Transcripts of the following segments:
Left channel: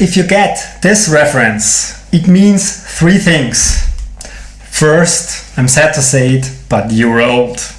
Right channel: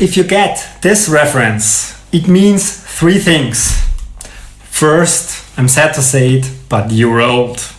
If you get this reference, it means three things. First, I'm sad to say it, but you're old.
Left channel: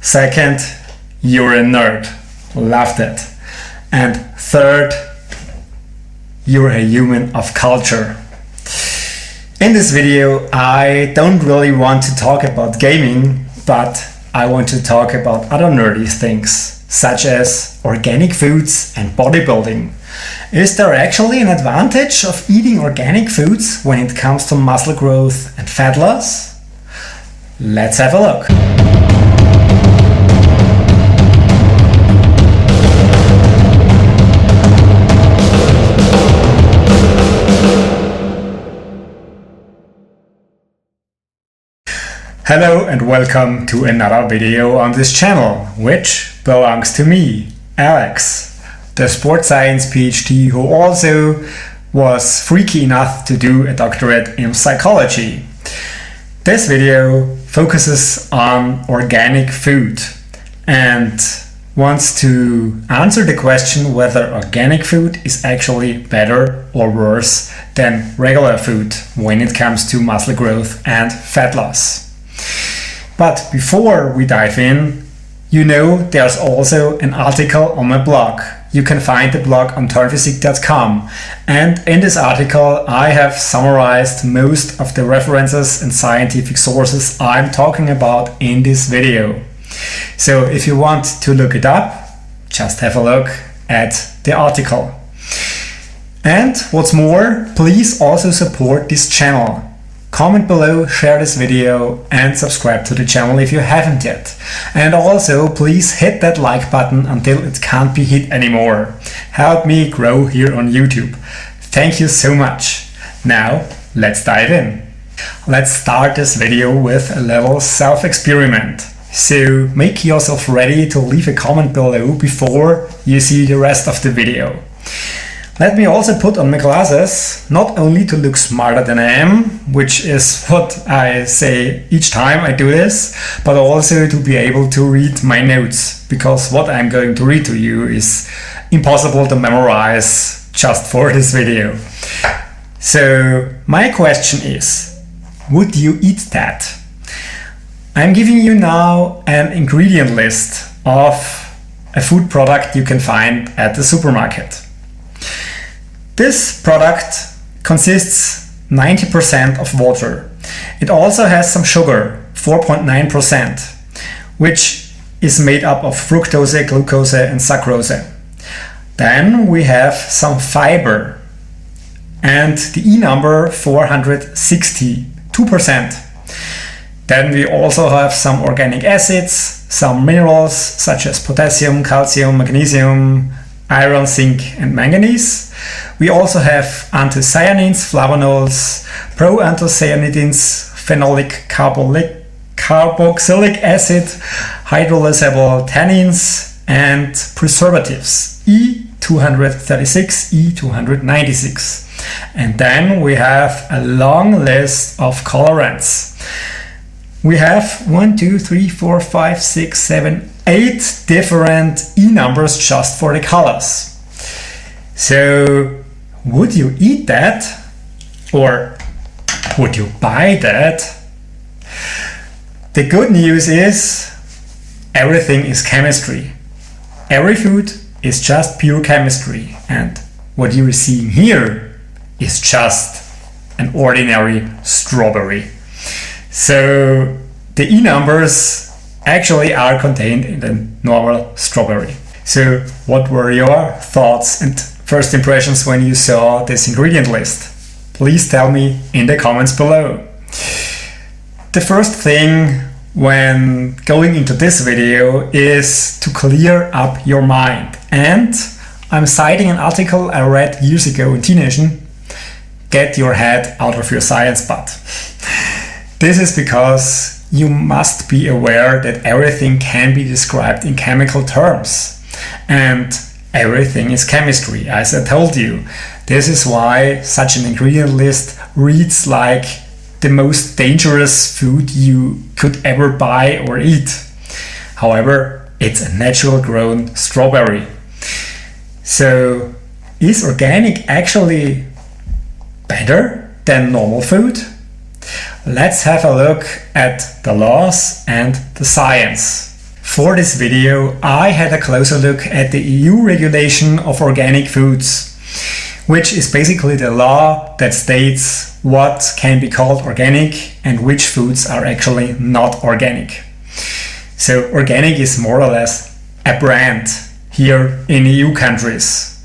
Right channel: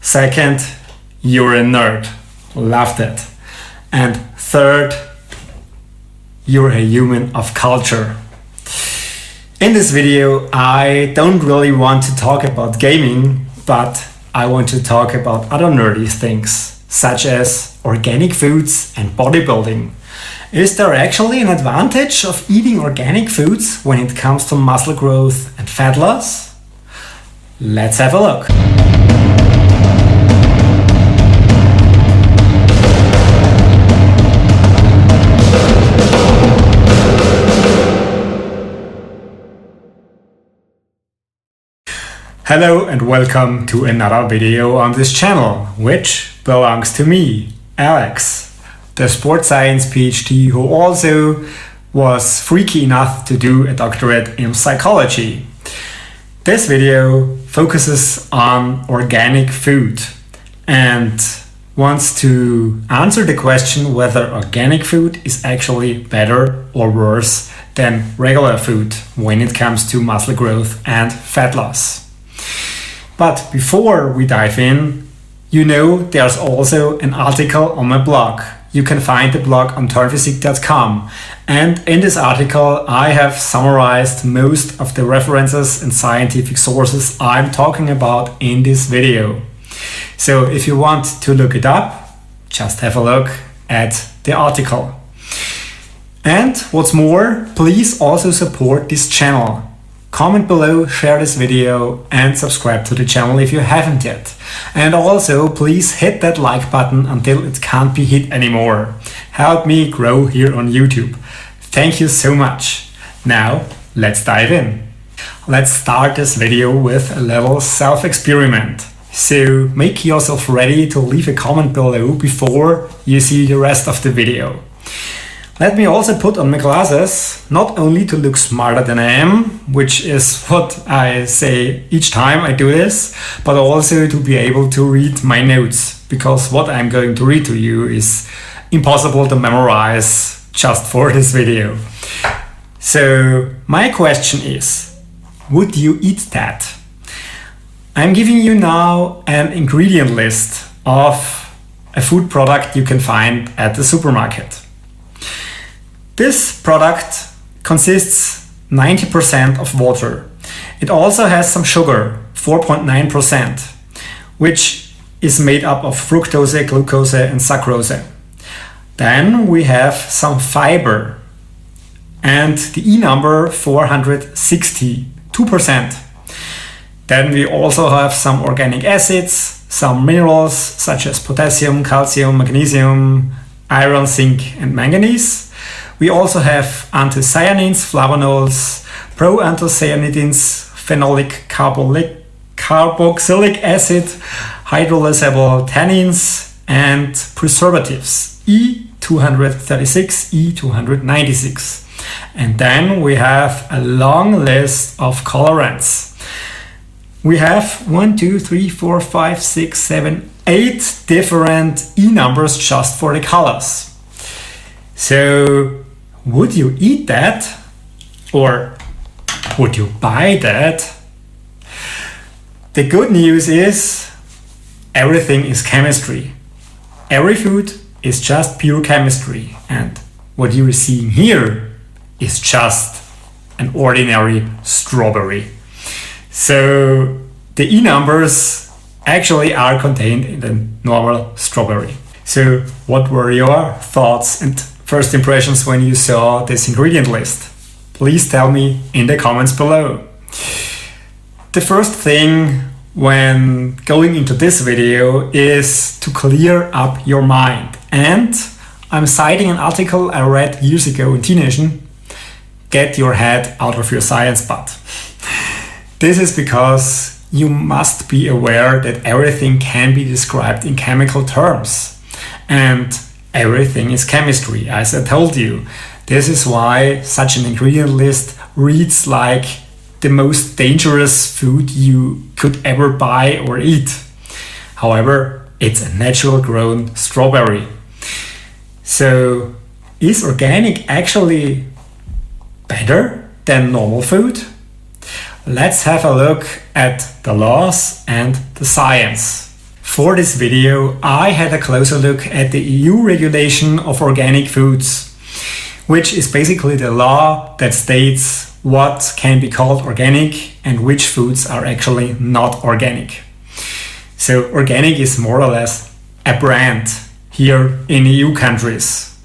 Second, you're a nerd. Loved it. And third, you're a human of culture. In this video, I don't really want to talk about gaming, but I want to talk about other nerdy things, such as organic foods and bodybuilding. Is there actually an advantage of eating organic foods when it comes to muscle growth and fat loss? Let's have a look. Hello and welcome to another video on this channel, which belongs to me, Alex, the sports science PhD who also was freaky enough to do a doctorate in psychology. This video focuses on organic food and wants to answer the question whether organic food is actually better or worse than regular food when it comes to muscle growth and fat loss. But before we dive in, you know there's also an article on my blog. You can find the blog on turnphysique.com, and in this article I have summarized most of the references and scientific sources I'm talking about in this video. So if you want to look it up, just have a look at the article. And what's more, please also support this channel. Comment below, share this video and subscribe to the channel if you haven't yet. And also please hit that like button until it can't be hit anymore. Help me grow here on YouTube. Thank you so much. Now let's dive in. Let's start this video with a little self-experiment. So make yourself ready to leave a comment below before you see the rest of the video. Let me also put on my glasses, not only to look smarter than I am, which is what I say each time I do this, but also to be able to read my notes, because what I'm going to read to you is impossible to memorize just for this video. So my question is, would you eat that? I'm giving you now an ingredient list of a food product you can find at the supermarket. This product consists 90% of water. It also has some sugar, 4.9%, which is made up of fructose, glucose and sucrose. Then we have some fiber and the E number 460, 2%. Then we also have some organic acids, some minerals such as potassium, calcium, magnesium, iron, zinc and manganese. We also have anthocyanins, flavonols, proanthocyanidins, phenolic carboxylic acid, hydrolysable tannins, and preservatives E236, E296. And then we have a long list of colorants. We have 8 different E numbers just for the colors. So, would you eat that? Or would you buy that? The good news is everything is chemistry. Every food is just pure chemistry, and what you are seeing here is just an ordinary strawberry. So the E numbers actually are contained in the normal strawberry. So what were your thoughts and first impressions when you saw this ingredient list? Please tell me in the comments below. The first thing when going into this video is to clear up your mind. And I'm citing an article I read years ago in Teenation. Get your head out of your science butt. This is because you must be aware that everything can be described in chemical terms. And everything is chemistry, as I told you. This is why such an ingredient list reads like the most dangerous food you could ever buy or eat. However, it's a natural grown strawberry. So is organic actually better than normal food? Let's have a look at the laws and the science. For this video, I had a closer look at the EU regulation of organic foods, which is basically the law that states what can be called organic and which foods are actually not organic. So organic is more or less a brand here in EU countries.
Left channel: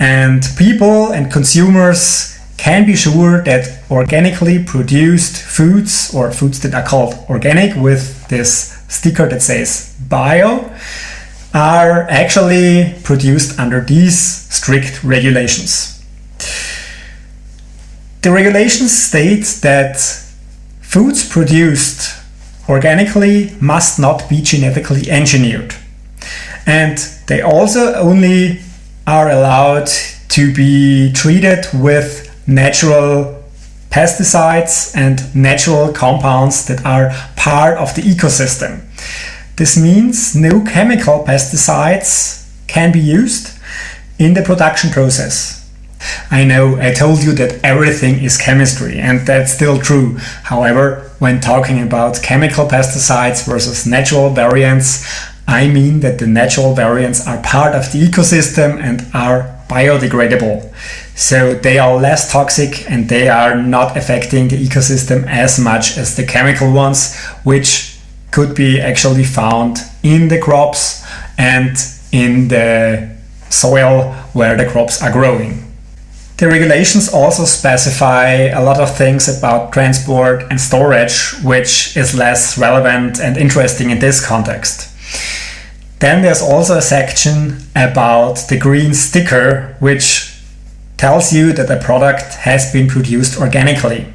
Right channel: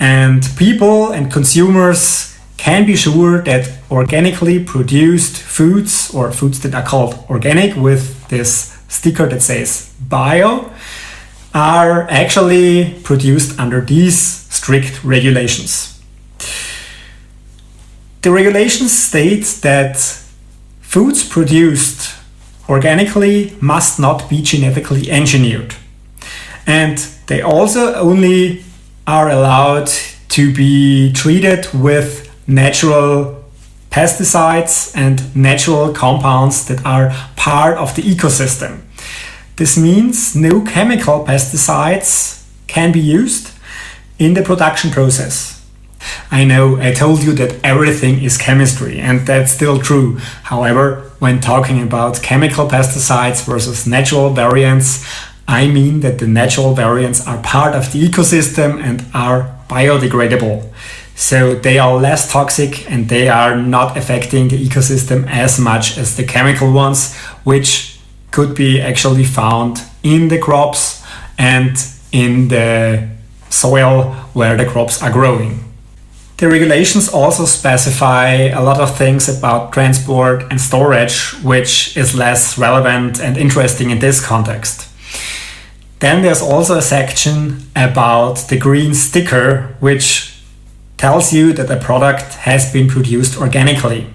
And people and consumers can be sure that organically produced foods, or foods that are called organic with this sticker that says bio, are actually produced under these strict regulations. The regulations state that foods produced organically must not be genetically engineered. And they also only are allowed to be treated with natural pesticides and natural compounds that are part of the ecosystem. This means no chemical pesticides can be used in the production process. I know I told you that everything is chemistry, and that's still true. However, when talking about chemical pesticides versus natural variants, I mean that the natural variants are part of the ecosystem and are biodegradable. So they are less toxic and they are not affecting the ecosystem as much as the chemical ones, which could be actually found in the crops and in the soil where the crops are growing. The regulations also specify a lot of things about transport and storage, which is less relevant and interesting in this context. Then there's also a section about the green sticker, which tells you that a product has been produced organically.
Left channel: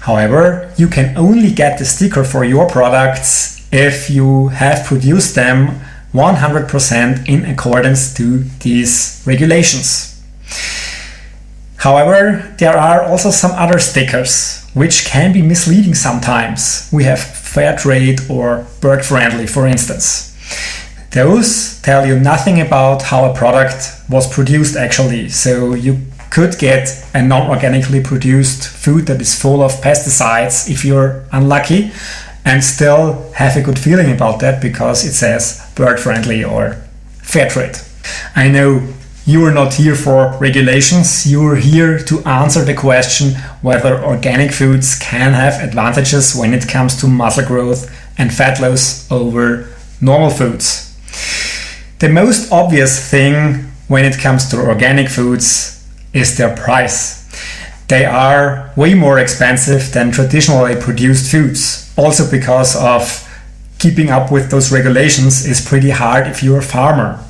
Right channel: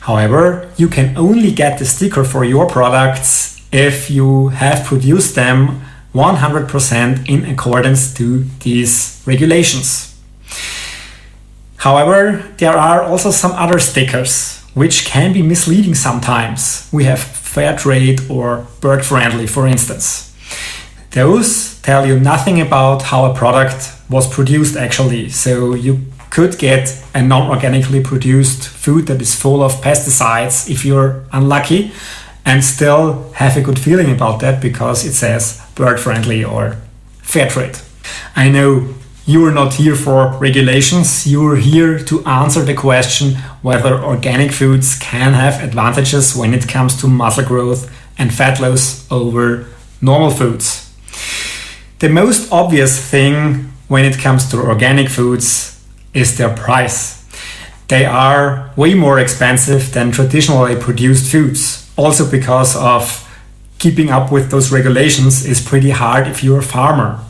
However, you can only get the sticker for your products if you have produced them 100% in accordance to these regulations. However, there are also some other stickers which can be misleading sometimes. We have fair trade or bird friendly, for instance. Those tell you nothing about how a product was produced actually. So you could get a non-organically produced food that is full of pesticides if you're unlucky, and still have a good feeling about that because it says bird friendly or fair trade. I know you are not here for regulations, you are here to answer the question whether organic foods can have advantages when it comes to muscle growth and fat loss over normal foods. The most obvious thing when it comes to organic foods is their price. They are way more expensive than traditionally produced foods. Also because of keeping up with those regulations is pretty hard if you're a farmer.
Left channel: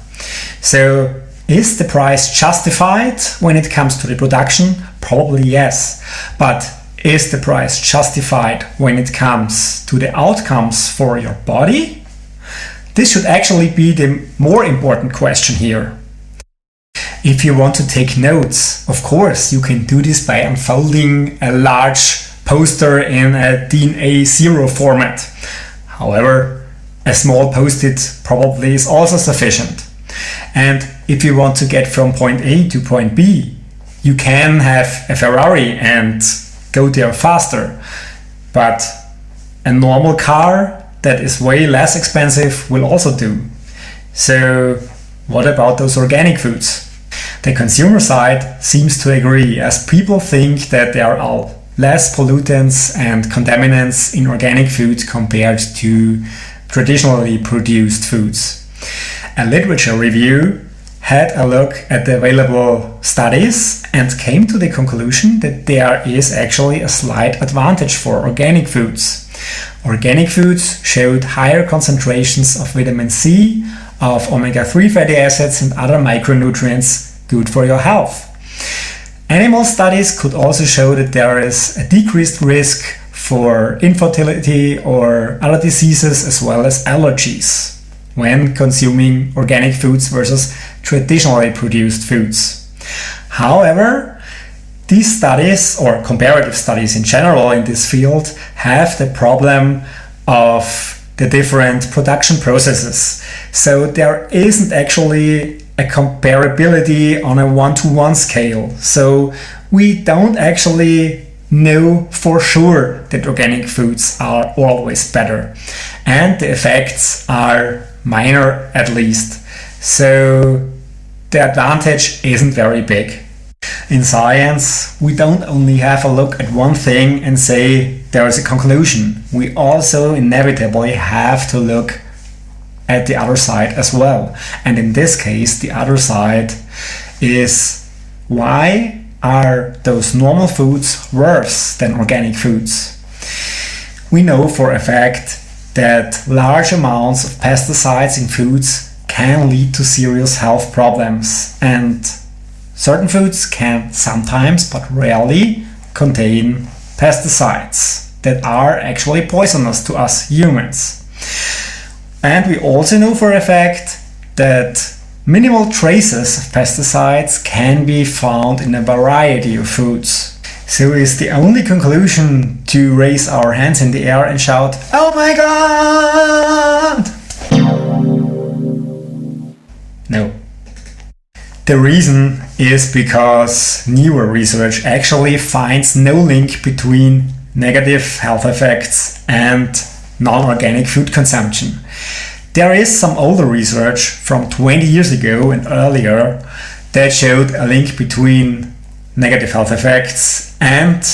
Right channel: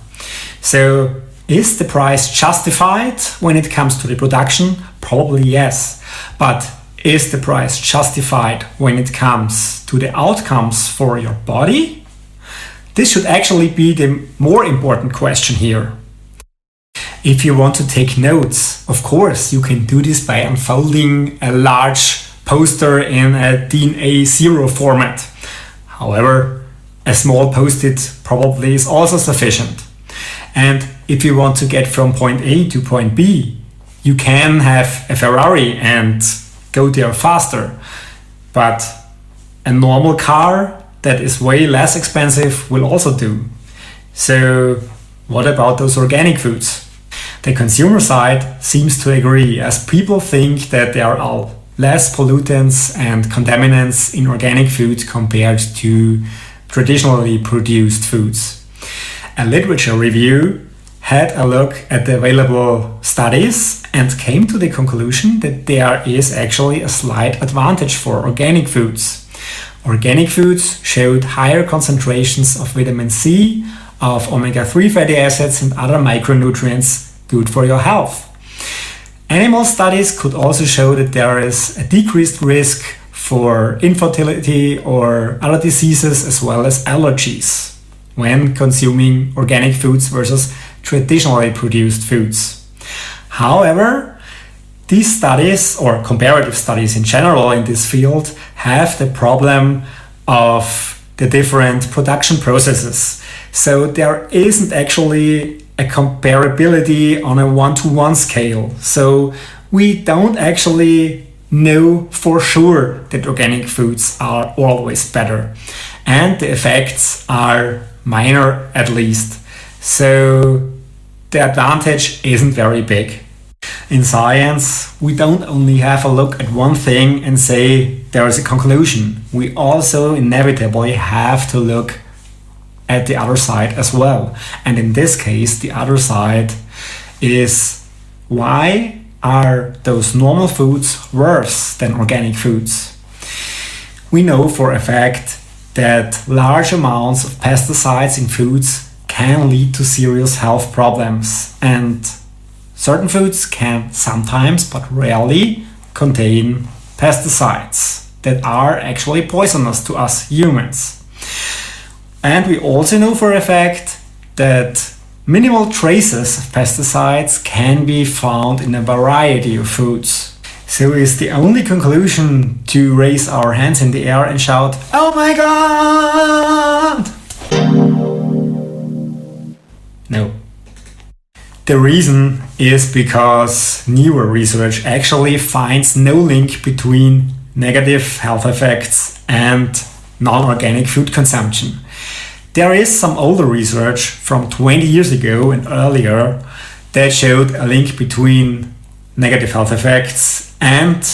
So is the price justified when it comes to the production? Probably yes. But is the price justified when it comes to the outcomes for your body? This should actually be the more important question here. If you want to take notes, of course, you can do this by unfolding a large poster in a DIN A0 format. However, a small post-it probably is also sufficient. And if you want to get from point A to point B, you can have a Ferrari and go there faster. But a normal car that is way less expensive will also do. So what about those organic foods? The consumer side seems to agree, as people think that there are less pollutants and contaminants in organic food compared to traditionally produced foods. A literature review had a look at the available studies and came to the conclusion that there is actually a slight advantage for organic foods. Organic foods showed higher concentrations of vitamin C, of omega-3 fatty acids and other micronutrients good for your health. Animal studies could also show that there is a decreased risk for infertility or other diseases as well as allergies when consuming organic foods versus traditionally produced foods. However, these studies, or comparative studies in general in this field, have the problem of the different production processes. So there isn't actually a comparability on a one-to-one scale. So we don't actually know for sure that organic foods are always better. And the effects are minor at least. So the advantage isn't very big. In science, we don't only have a look at one thing and say there is a conclusion. We also inevitably have to look at the other side as well. And in this case, the other side is, why are those normal foods worse than organic foods? We know for a fact that large amounts of pesticides in foods can lead to serious health problems, and certain foods can sometimes, but rarely, contain pesticides that are actually poisonous to us humans. And we also know for a fact that minimal traces of pesticides can be found in a variety of foods. So is the only conclusion to raise our hands in the air and shout, "Oh my God!" No. The reason is because newer research actually finds no link between negative health effects and non-organic food consumption. There is some older research from 20 years ago and earlier that showed a link between negative health effects and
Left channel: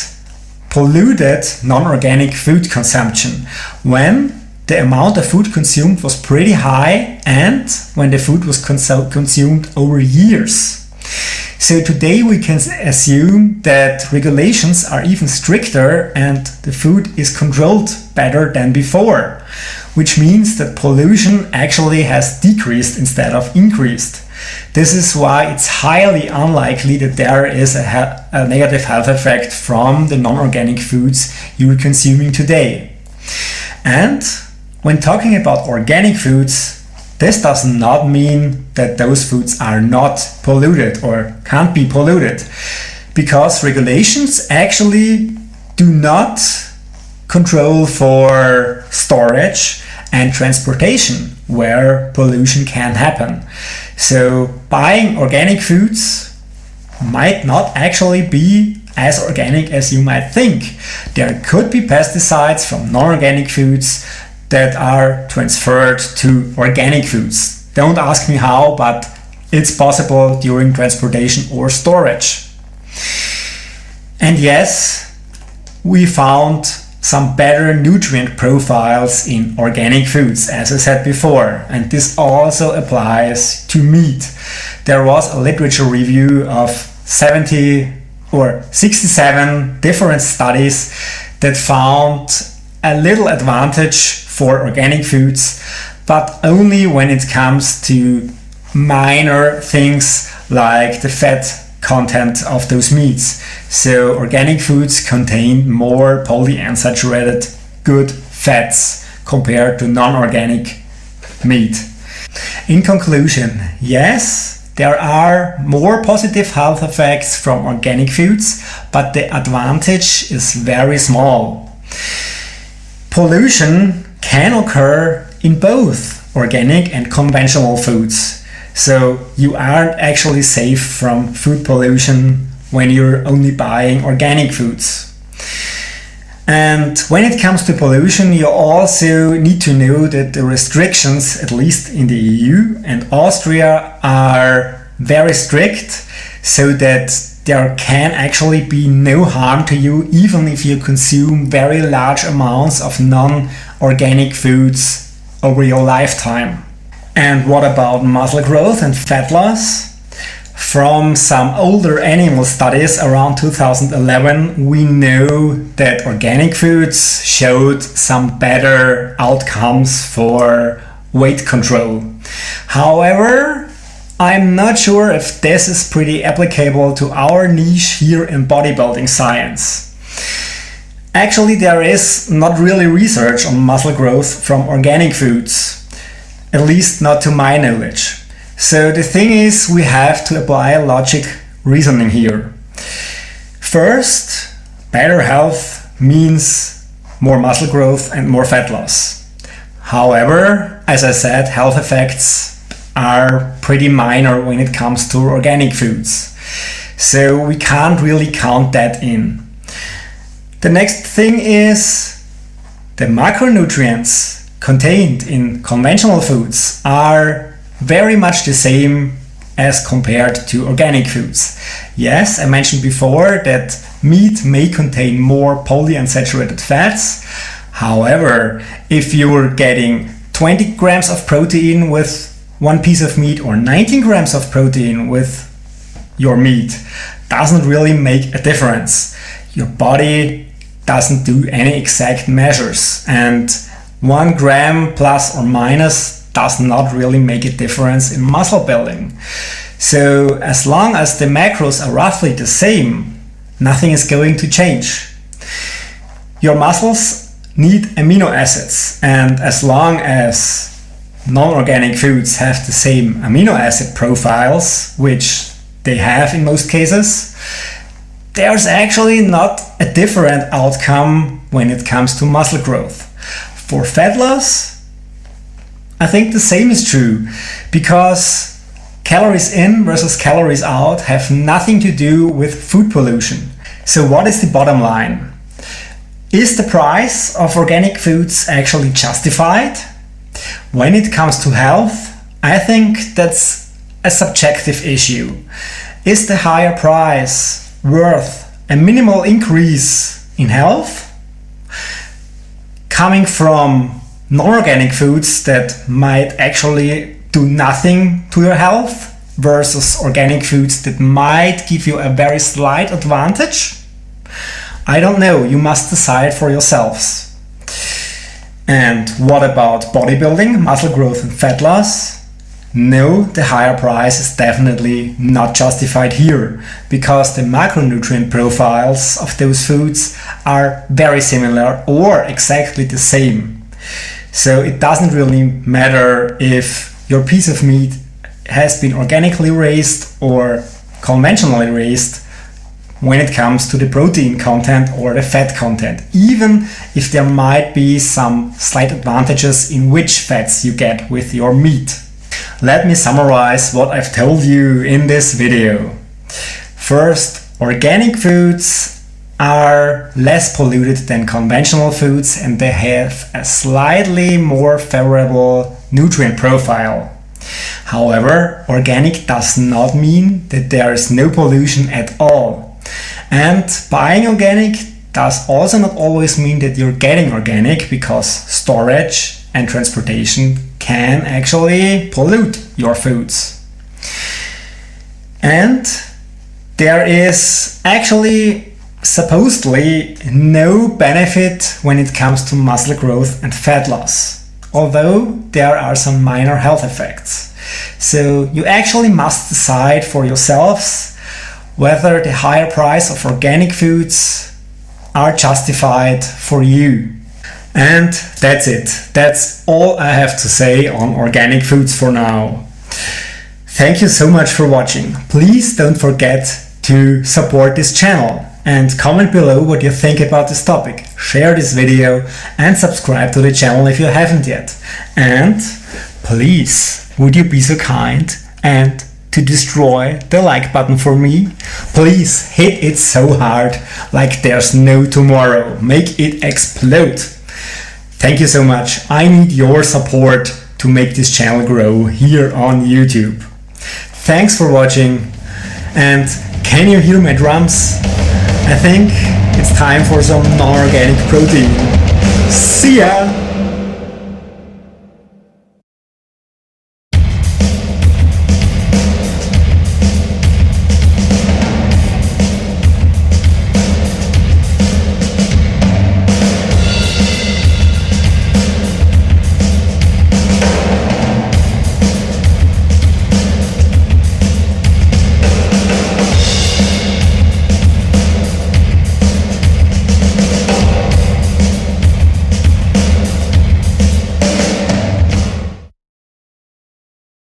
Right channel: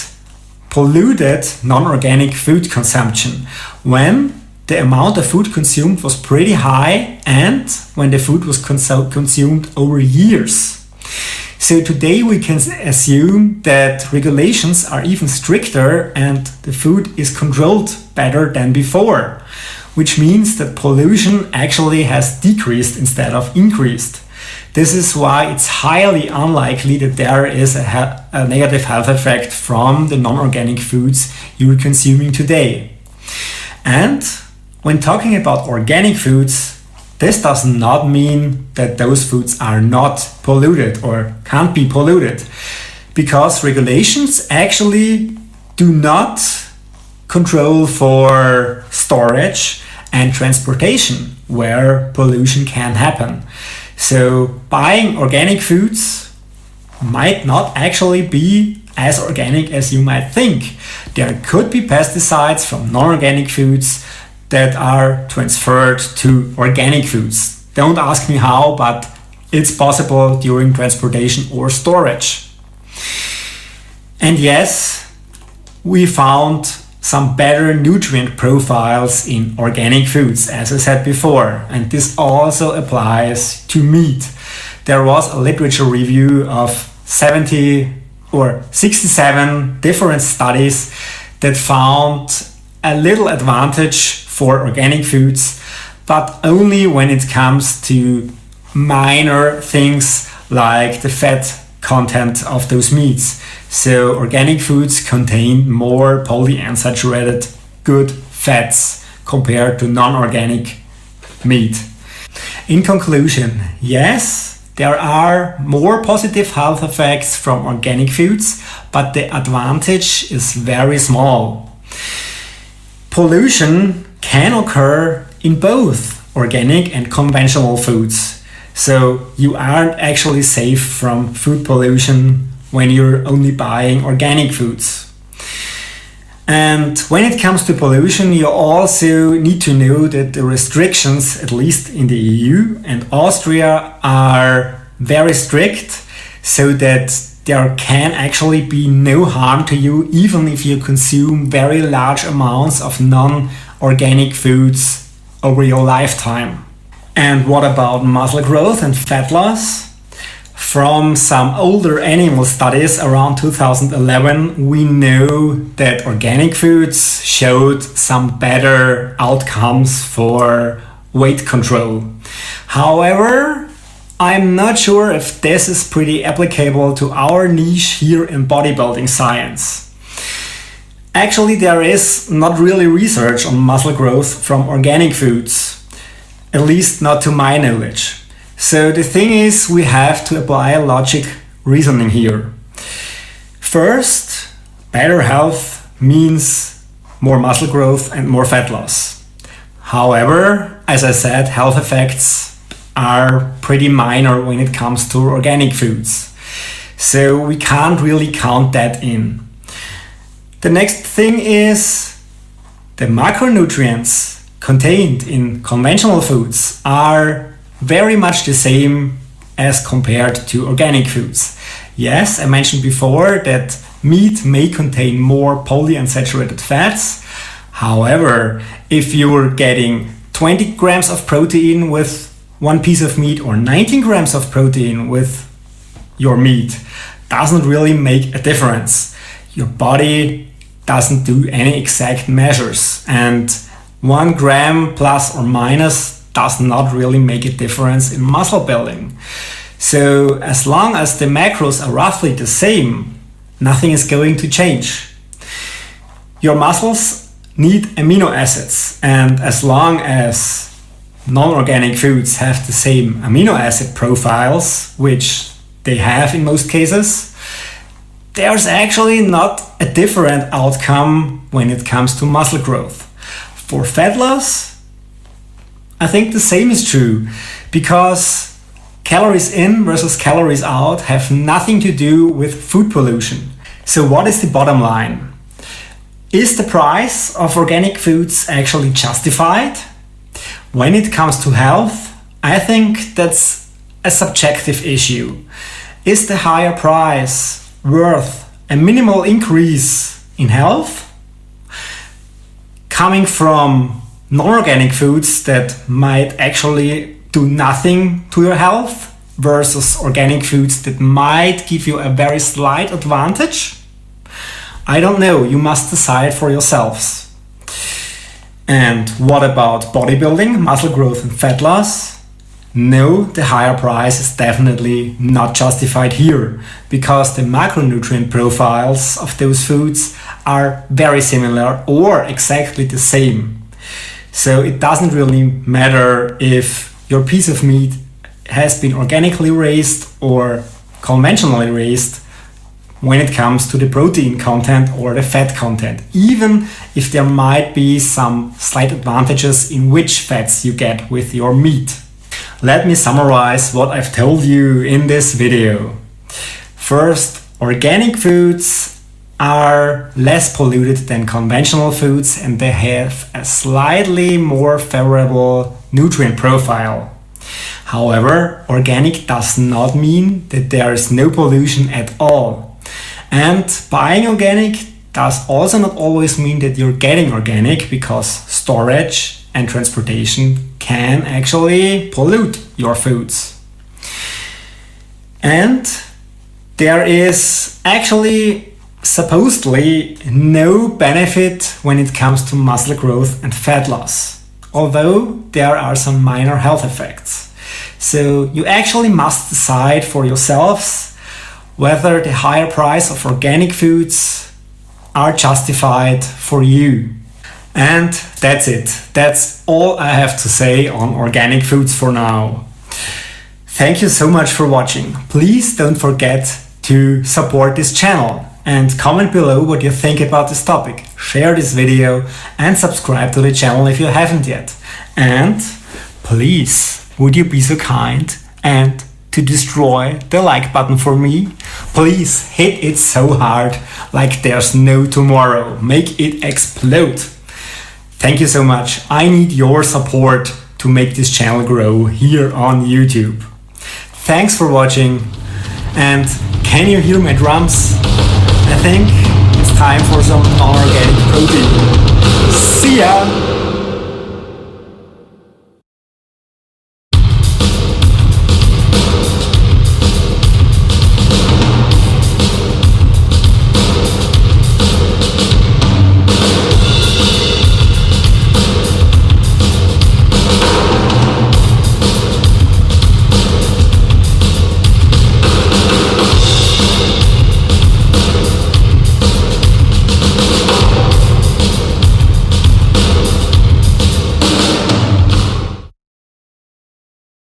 polluted non-organic food consumption when the amount of food consumed was pretty high and when the food was consumed over years. So today we can assume that regulations are even stricter and the food is controlled better than before, which means that pollution actually has decreased instead of increased. This is why it's highly unlikely that there is a negative health effect from the non-organic foods you're consuming today. And when talking about organic foods, this does not mean that those foods are not polluted or can't be polluted, because regulations actually do not control for storage and transportation where pollution can happen. So buying organic foods might not actually be as organic as you might think. There could be pesticides from non-organic foods that are transferred to organic foods. Don't ask me how, but it's possible during transportation or storage. And yes, we found some better nutrient profiles in organic foods, as I said before, and this also applies to meat. There was a literature review of 67 different studies that found a little advantage for organic foods, but only when it comes to minor things like the fat content of those meats. So organic foods contain more polyunsaturated good fats compared to non-organic meat. In conclusion, yes, there are more positive health effects from organic foods, but the advantage is very small. Pollution can occur in both organic and conventional foods. So you aren't actually safe from food pollution when you're only buying organic foods. And when it comes to pollution, you also need to know that the restrictions, at least in the EU and Austria, are very strict, so that there can actually be no harm to you even if you consume very large amounts of non-organic foods over your lifetime. And what about muscle growth and fat loss? From some older animal studies around 2011, we know that organic foods showed some better outcomes for weight control. However, I'm not sure if this is pretty applicable to our niche here in bodybuilding science. Actually, there is not really research on muscle growth from organic foods, at least not to my knowledge. So the thing is, we have to apply logic reasoning here. First, better health means more muscle growth and more fat loss. However, as I said, health effects are pretty minor when it comes to organic foods. So we can't really count that in. The next thing is the macronutrients contained in conventional foods are very much the same as compared to organic foods. Yes, I mentioned before that meat may contain more polyunsaturated fats. However, if you're getting 20 grams of protein with one piece of meat or 19 grams of protein with your meat, doesn't really make a difference. Your body doesn't do any exact measures, and 1 gram plus or minus does not really make a difference in muscle building. So as long as the macros are roughly the same, nothing is going to change. Your muscles need amino acids, and as long as non-organic foods have the same amino acid profiles, which they have in most cases, there's actually not a different outcome when it comes to muscle growth. For fat loss, I think the same is true, because calories in versus calories out have nothing to do with food pollution. So what is the bottom line? Is the price of organic foods actually justified? When it comes to health, I think that's a subjective issue. Is the higher price worth a minimal increase in health? Coming from non-organic foods that might actually do nothing to your health versus organic foods that might give you a very slight advantage? I don't know, you must decide for yourselves. And what about bodybuilding, muscle growth and fat loss? No, the higher price is definitely not justified here, because the macronutrient profiles of those foods are very similar or exactly the same. So it doesn't really matter if your piece of meat has been organically raised or conventionally raised when it comes to the protein content or the fat content, even if there might be some slight advantages in which fats you get with your meat. Let me summarize what I've told you in this video. First, organic foods are less polluted than conventional foods, and they have a slightly more favorable nutrient profile. However, organic does not mean that there is no pollution at all. And buying organic does also not always mean that you're getting organic, because storage and transportation can actually pollute your foods. And there is actually supposedly no benefit when it comes to muscle growth and fat loss, although there are some minor health effects. So you actually must decide for yourselves whether the higher price of organic foods are justified for you. And that's it. That's all I have to say on organic foods for now. Thank you so much for watching. Please don't forget to support this channel and comment below what you think about this topic. Share this video and subscribe to the channel if you haven't yet. And please, would you be so kind and to destroy the like button for me? Please hit it so hard, like there's no tomorrow. Make it explode. Thank you so much. I need your support to make this channel grow here on YouTube. Thanks for watching. And can you hear my drums? I think it's time for some non-organic protein. See ya!